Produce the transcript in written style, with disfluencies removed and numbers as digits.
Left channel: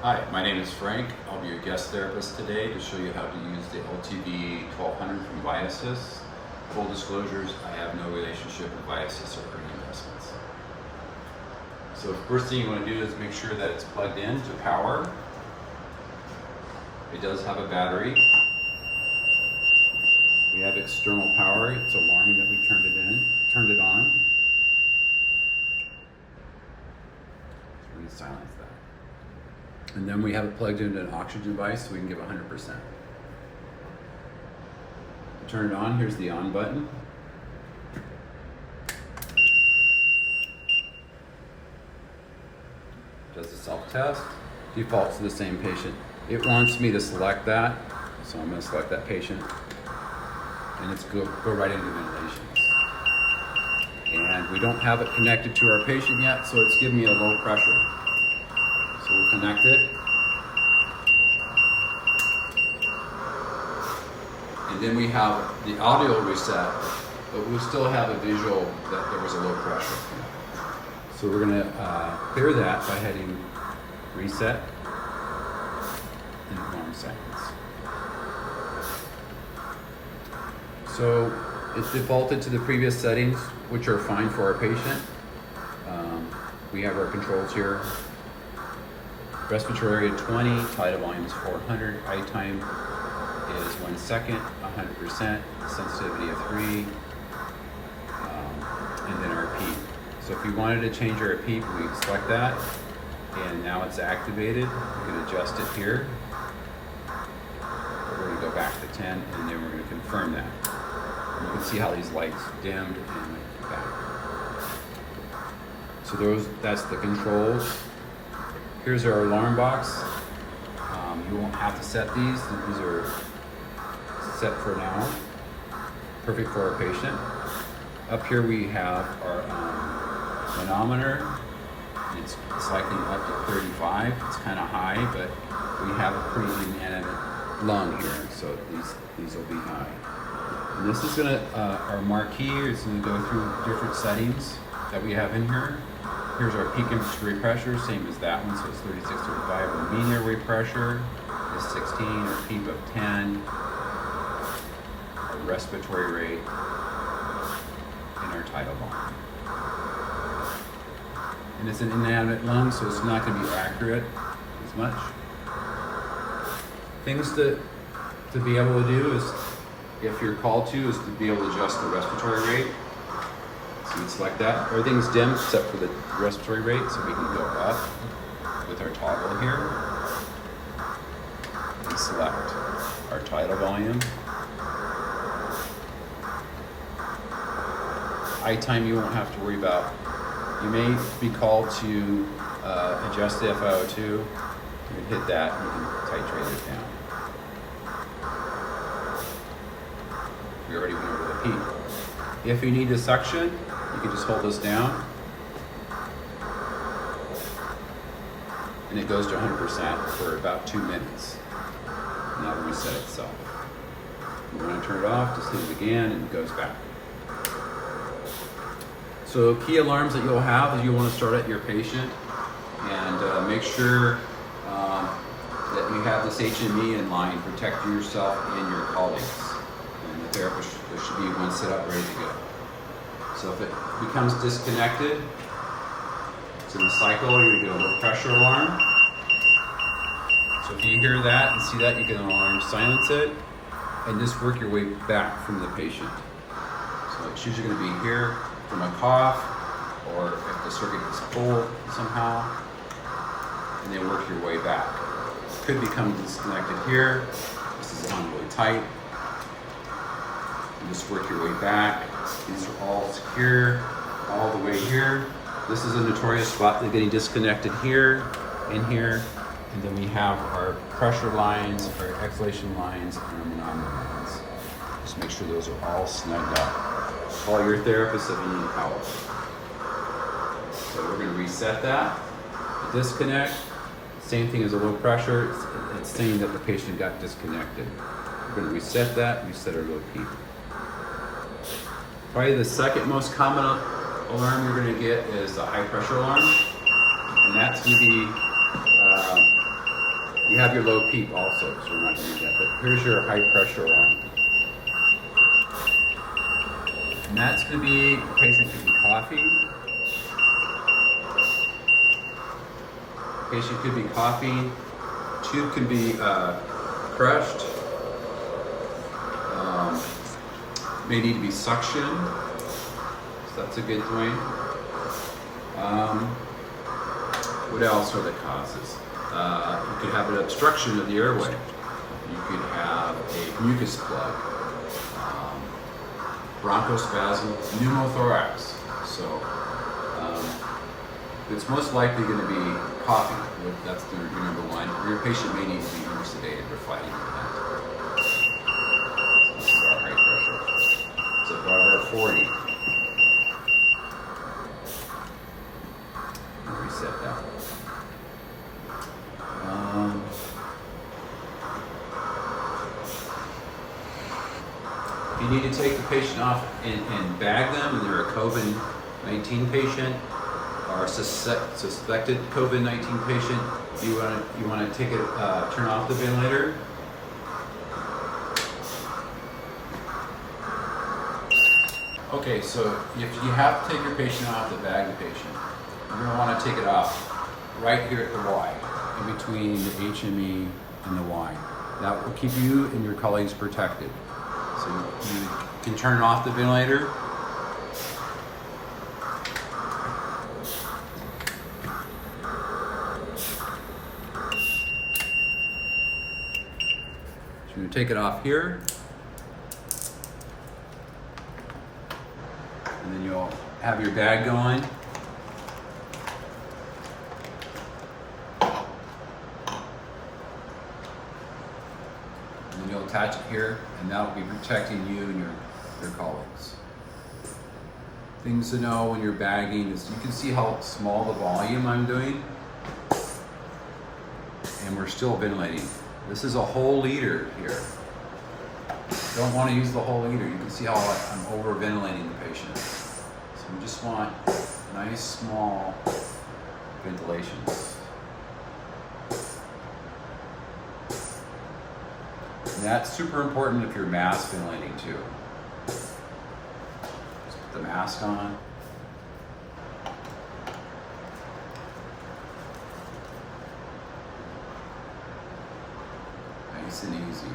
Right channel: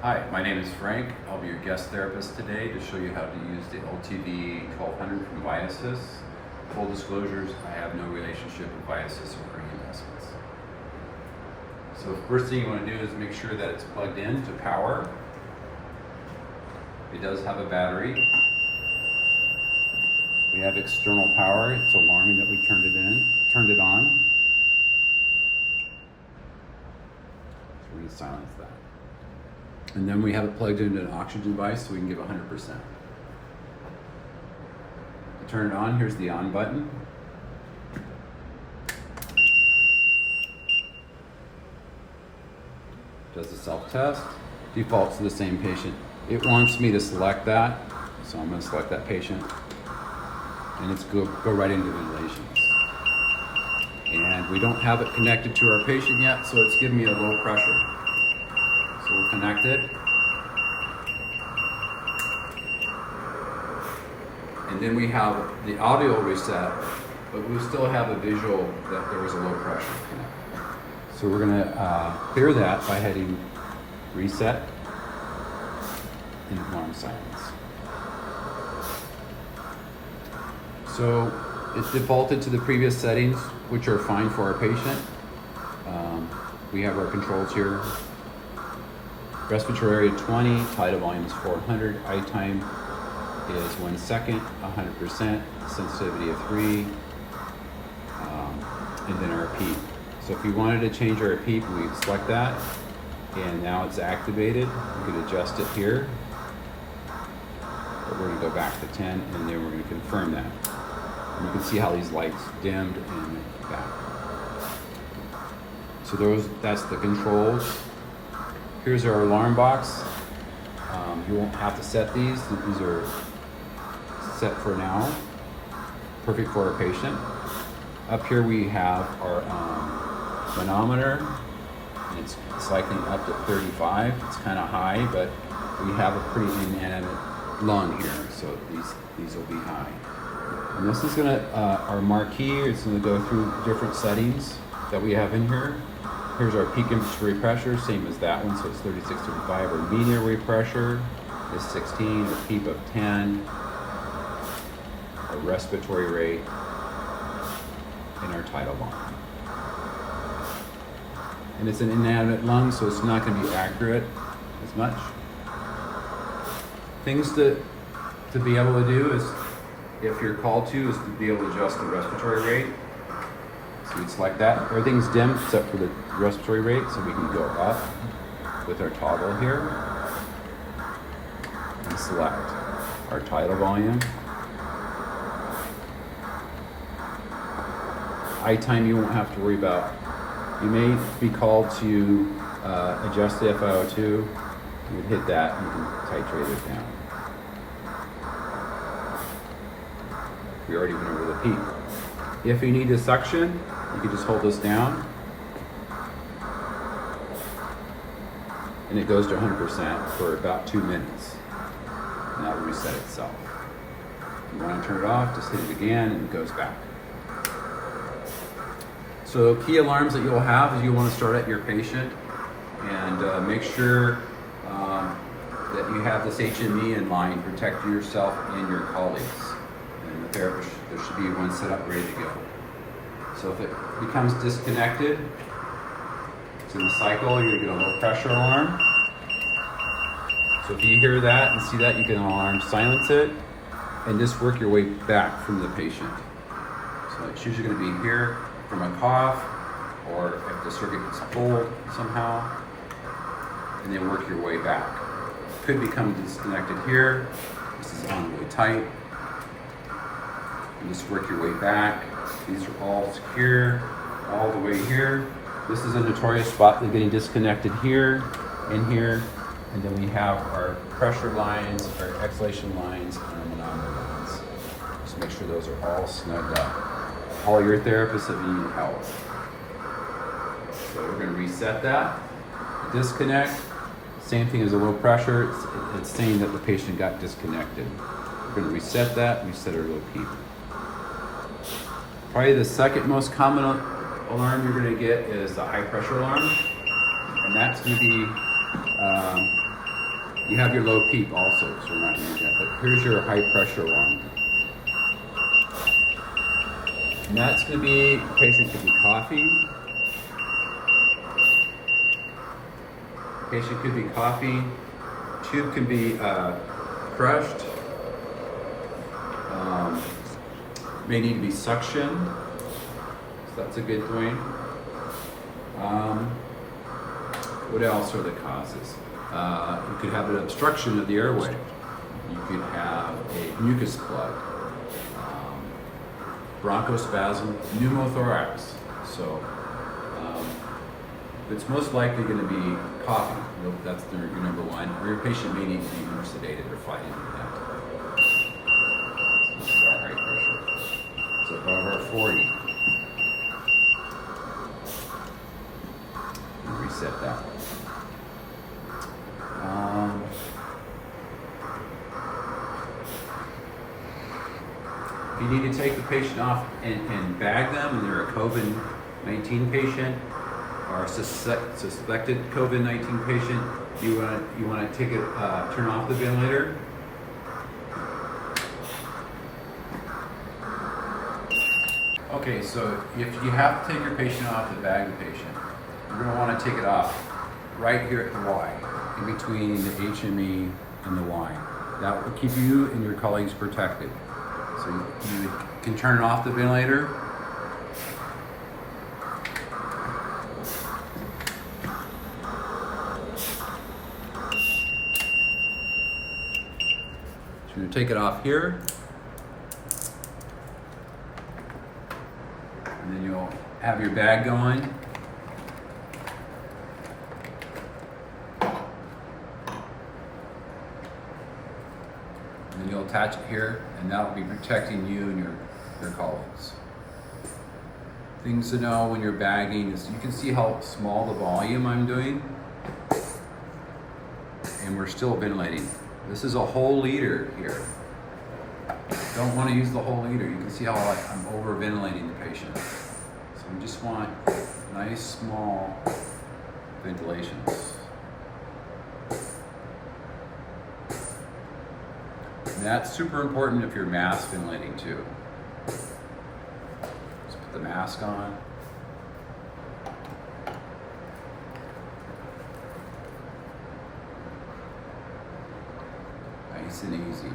Hi, my name is Frank. I'll be your guest therapist today to show you how to use the LTV 1200 from Viasys. Full disclosures, I have no relationship with Viasys or any investments. So the first thing you want to do is make sure that it's plugged in to power. It does have a battery. We have external power. It's alarming that we turned it on. So we're going to silence that. And then we have it plugged into an oxygen device so we can give 100%. To turn it on, here's the on button. Does the self-test, defaults to the same patient. It wants me to select that, so I'm going to select that patient. And it's go right into ventilations. And we don't have it connected to our patient yet, so it's giving me a low pressure. So we'll connect it. And then we have the audio reset, but we still have a visual that there was a low pressure. So we're gonna clear that by hitting reset and alarm silence. So it's defaulted to the previous settings, which are fine for our patient. We have our controls here. Respiratory area 20, tidal volume is 400, eye time is 1 second, 100%, sensitivity of 3, and then our PEEP. So if we wanted to change our PEEP, we select that, and now it's activated. We can adjust it here, but we're going to go back to 10, and then we're going to confirm that. And you can see how these lights dimmed and back. So that's the controls. Here's our alarm box. You won't have to set these. These are set for now. Perfect for our patient. Up here we have our manometer. It's cycling up to 35. It's kind of high, but we have a pretty inanimate lung here, so these will be high. And this is our marquee is going to go through different settings that we have in here. Here's our peak inspiratory pressure, same as that one, so it's 36 to 35. Our mean airway pressure is 16, our PEEP of 10, our respiratory rate, and our tidal volume. And it's an inanimate lung, so it's not going to be accurate as much. Things to be able to do is, if you're called to, is to be able to adjust the respiratory rate. So you'd select that. Everything's dim except for the respiratory rate, so we can go up with our toggle here and select our tidal volume. Eye time you won't have to worry about. You may be called to adjust the FiO2. You would hit that and you can titrate it down. We already went over the peak. If you need a suction, you can just hold this down and it goes to 100% for about 2 minutes. And that will reset itself. If you want to turn it off, just hit it again and it goes back. So key alarms that you'll have is you'll want to start at your patient and make sure that you have this HME in line, protect yourself and your colleagues. And the therapist, there should be one set up ready to go. So if it becomes disconnected, it's in the cycle, you're going to get a low pressure alarm. So if you hear that and see that, you get an alarm, silence it, and just work your way back from the patient. So it's usually going to be here from a cough, or if the circuit gets pulled somehow, and then work your way back. It could become disconnected here. This is on the way tight. And just work your way back. These are all secure, all the way here. This is a notorious spot for getting disconnected here and here. And then we have our pressure lines, our exhalation lines, and our manometer lines. Just make sure those are all snugged up. All your therapists have in your power. So we're going to reset that. Disconnect. Same thing as a low pressure. It's saying that the patient got disconnected. We're going to reset that. Reset our low PEEP. Probably the second most common alarm you're going to get is the high pressure alarm, and that's going to be You have your low peak also, so we're not going to get that. Here's your high pressure alarm. And that's going to be, the patient could be coughing. Patient could be coughing. Tube can be crushed. May need to be suctioned. So that's a good thing. What else are the causes? You could have an obstruction of the airway. You could have a mucus plug, bronchospasm, pneumothorax. So it's most likely going to be coughing. That's your number one. Or your patient may need to be more sedated or fighting with that. This is our high pressure. It's above 40. Reset that. If you need to take the patient off and bag them, and they're a COVID-19 patient or a suspected COVID-19 patient, you want to take it, turn off the ventilator. Okay, so if you have to take your patient off to bag the patient, you're going to want to take it off right here at the Y, in between the HME and the Y. That will keep you and your colleagues protected. So you can turn off the ventilator. So you're going to take it off here. And then you'll have your bag going. And then you'll attach it here, and that will be protecting you and your colleagues. Things to know when you're bagging is you can see how small the volume I'm doing, and we're still ventilating. This is a whole liter here. Don't want to use the whole liter. You can see how I'm over ventilating the patient. So we just want nice small ventilations. And that's super important if you're mask ventilating too. Just put the mask on. Nice and easy.